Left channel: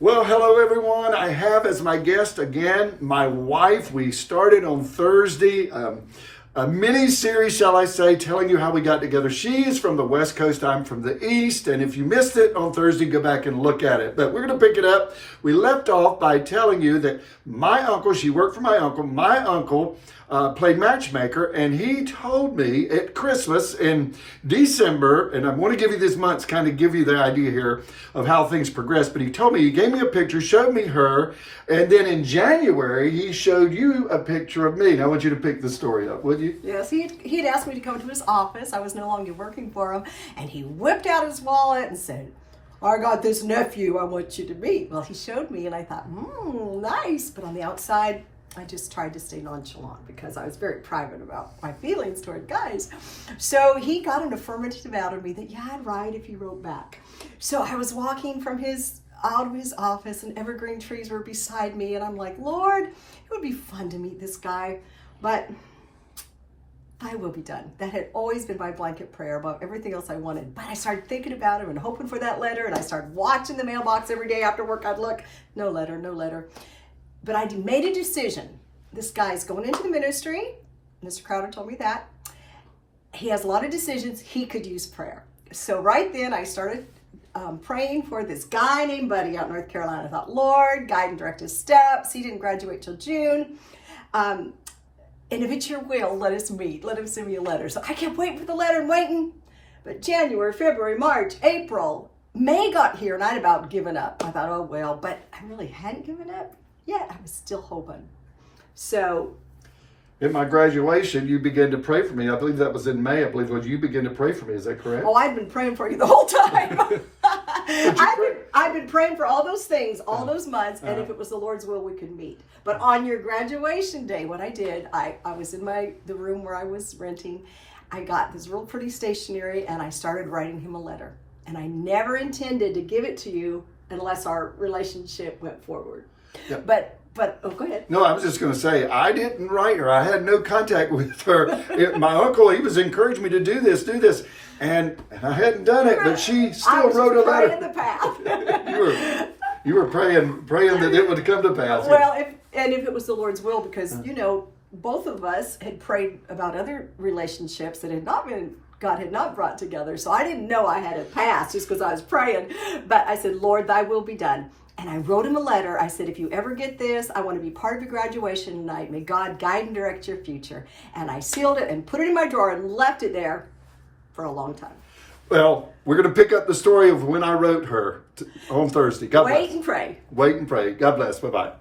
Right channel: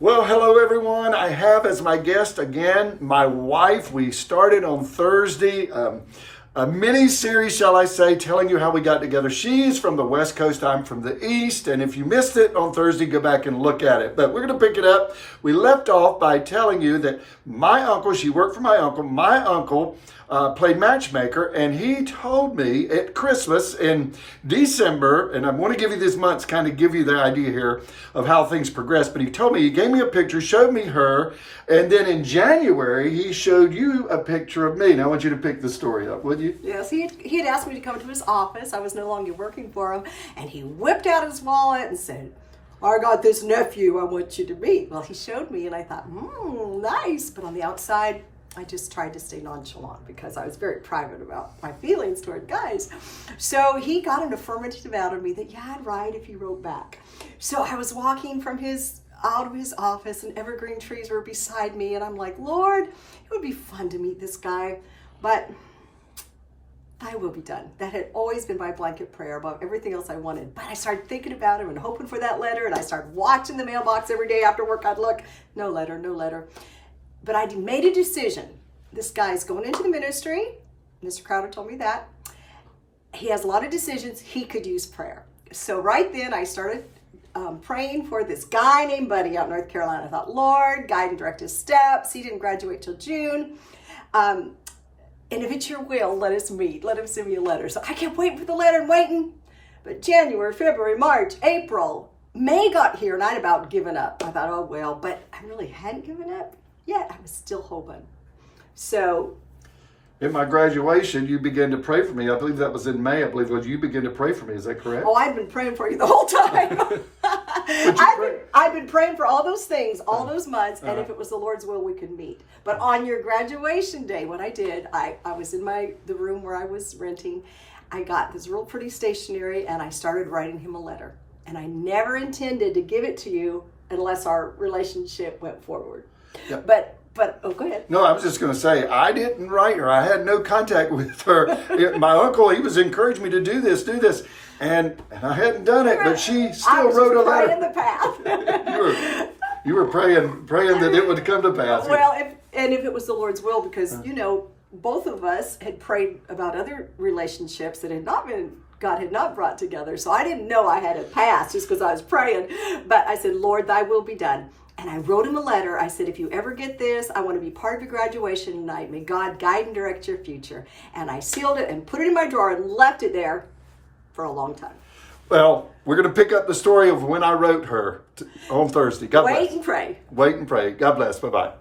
Well, hello everyone. I have as my guest again my wife. We started on Thursday a mini series, shall I say, telling you how we got together. She's from the West Coast, I'm from the East, and if you missed it on Thursday, go back and look at it. But we're going to pick it up. We left off by telling you that my uncle, she worked for my uncle played matchmaker, and he told me at Christmas in December, and I want to give you this month to kind of give you the idea here of how things progress, but he told me, he gave me a picture, showed me her, and then in January, he showed you a picture of me. Now I want you to pick the story up, would you? Yes, he had asked me to come to his office. I was no longer working for him, and he whipped out his wallet and said, I got this nephew I want you to meet. Well, he showed me, and I thought, nice, but on the outside, I just tried to stay nonchalant because I was very private about my feelings toward guys. So he got an affirmative out of me that, yeah, I'd write if you wrote back. So I was walking from out of his office, and evergreen trees were beside me, and I'm like, Lord, it would be fun to meet this guy, but I will be done. That had always been my blanket prayer above everything else I wanted. But I started thinking about him and hoping for that letter, and I started watching the mailbox every day after work. I'd look, no letter, no letter. But I made a decision. This guy's going into the ministry. Mr. Crowder told me that. He has a lot of decisions. He could use prayer. So right then I started praying for this guy named Buddy out in North Carolina. I thought, Lord, guide and direct his steps. He didn't graduate till June. And if it's your will, let us meet. Let him send me a letter. So I kept waiting for the letter and waiting. But January, February, March, April, May got here, and I'd about given up. I thought, oh, well, but I really hadn't given up. Yet I was still hoping. So at my graduation, you began to pray for me. I believe that was in May. I believe you began to pray for me. Is that correct? Oh, I've been praying for you the whole time. I've been praying for all those things, all those months, and if it was the Lord's will, we could meet. But on your graduation day, what I did, I was in the room where I was renting. I got this real pretty stationery, and I started writing him a letter. And I never intended to give it to you unless our relationship went forward. Yeah. But oh, go ahead. No, I was just going to say, I didn't write her. I had no contact with her. My uncle, he was encouraging me to do this. And I hadn't done it, but she still wrote a letter. In the path. you were praying that it would come to pass. Well, if it was the Lord's will, because, both of us had prayed about other relationships that God had not brought together. So I didn't know I had it passed just because I was praying. But I said, Lord, thy will be done. And I wrote him a letter. I said, if you ever get this, I want to be part of your graduation tonight. May God guide and direct your future. And I sealed it and put it in my drawer and left it there for a long time. Well, we're going to pick up the story of when I wrote her on Thursday. God bless. Wait and pray. Wait and pray. God bless. Bye-bye.